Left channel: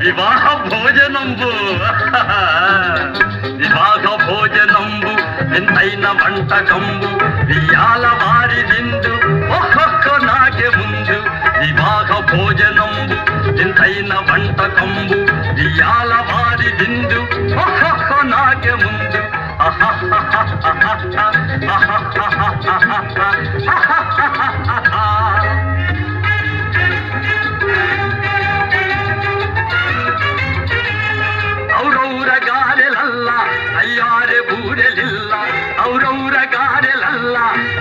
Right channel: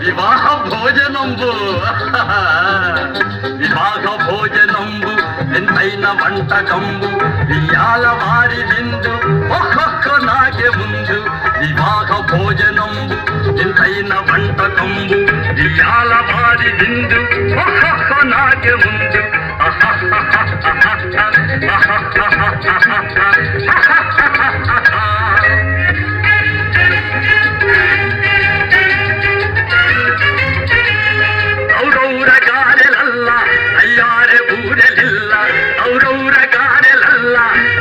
వివాహ భోజనంబు వివాహ భోజనంబు ఎంతైన వంటకంబు వియాల వారి విందు ఒక్కొక్క నాకే ముందు వివాహ భోజనంబు ఎంతైన వంటకంబు వియాల వారి విందు ఒక్కొక్క నాకే ముందు ಔರೌರ ಗಾರೆಲಲ್ಲ ಅಯ್ಯಾರೆ ಬೂರೆಲಿಲ್ಲ ಔರೌರ ಗಾರೆಲಲ್ಲ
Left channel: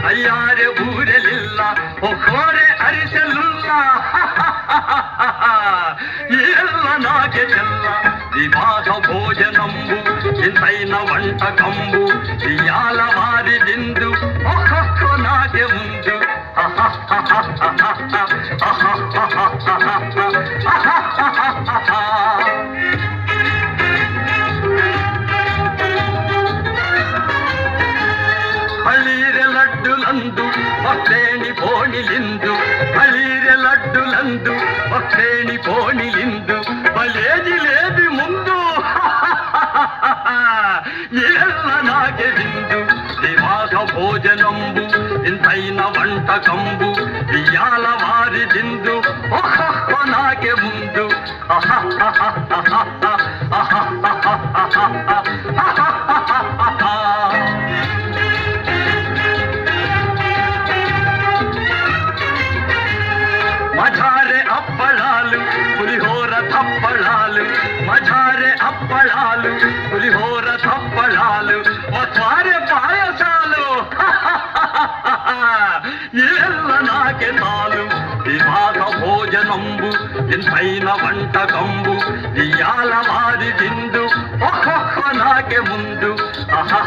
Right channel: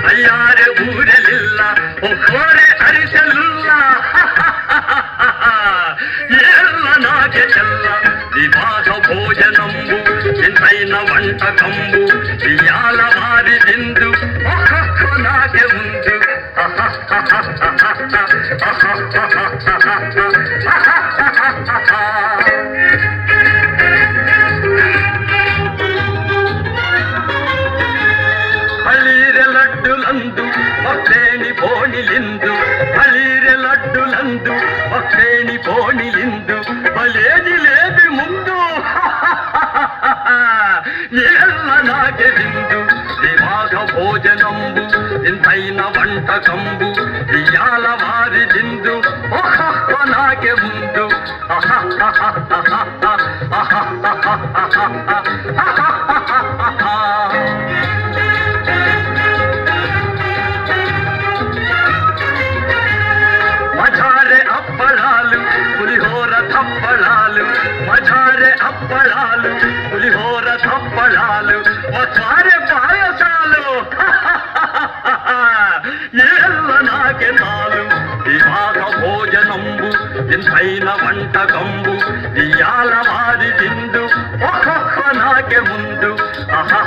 ಅಯ್ಯಾರೆ ಬೂರೆಲಿಲ್ಲ ಒಕ್ಕೋರೆ ಅರಿಸಲಿಲ್ಲ ಎಲ್ಲ ನಾಗೆ ಚೆಲ್ಲ ವಿವಾಹ ಭೋಜನಂಬು ಎಂತೈನ వంటకంబు వియాల వారిదిందు ఒక్కొక్క నాగే ముందు ಹಳೀರೆ ಲಡ್ಡುಲಂದು ಭಕ್ತೇಣಿ ಬೋಣಿಲಿಂದು ಹಳೀರೆ ಲಡ್ಡುಲಂದು ಭಕ್ತೇಣಿ ಬೋಣಿಲಿಂದು ಬಲೇ ಜಿಲೇಬಿ ಮುಂದು ಎಲ್ಲ ನಾಗೆ ಬಿಂದು ವಿವಾಹ ಭೋಜನಂಬು ಇಂತೈನ వంటకంబు వియాల వారిదిందు ఒక్కొక్క నాగే ముందు మజారే అప్పళాలు పులిహోర తప్పళాలు మజారే అప్పళాలు పులిహోర తప్పళాలు మసారే పాయసాలు ಎಲ್ಲ ನಾಗೆ చాలు వివాహ భోజనంబు ఎంతైన వంటకంబు వియాల వారి విందు ఒక్కొక్క నాగే ముందు ఆహా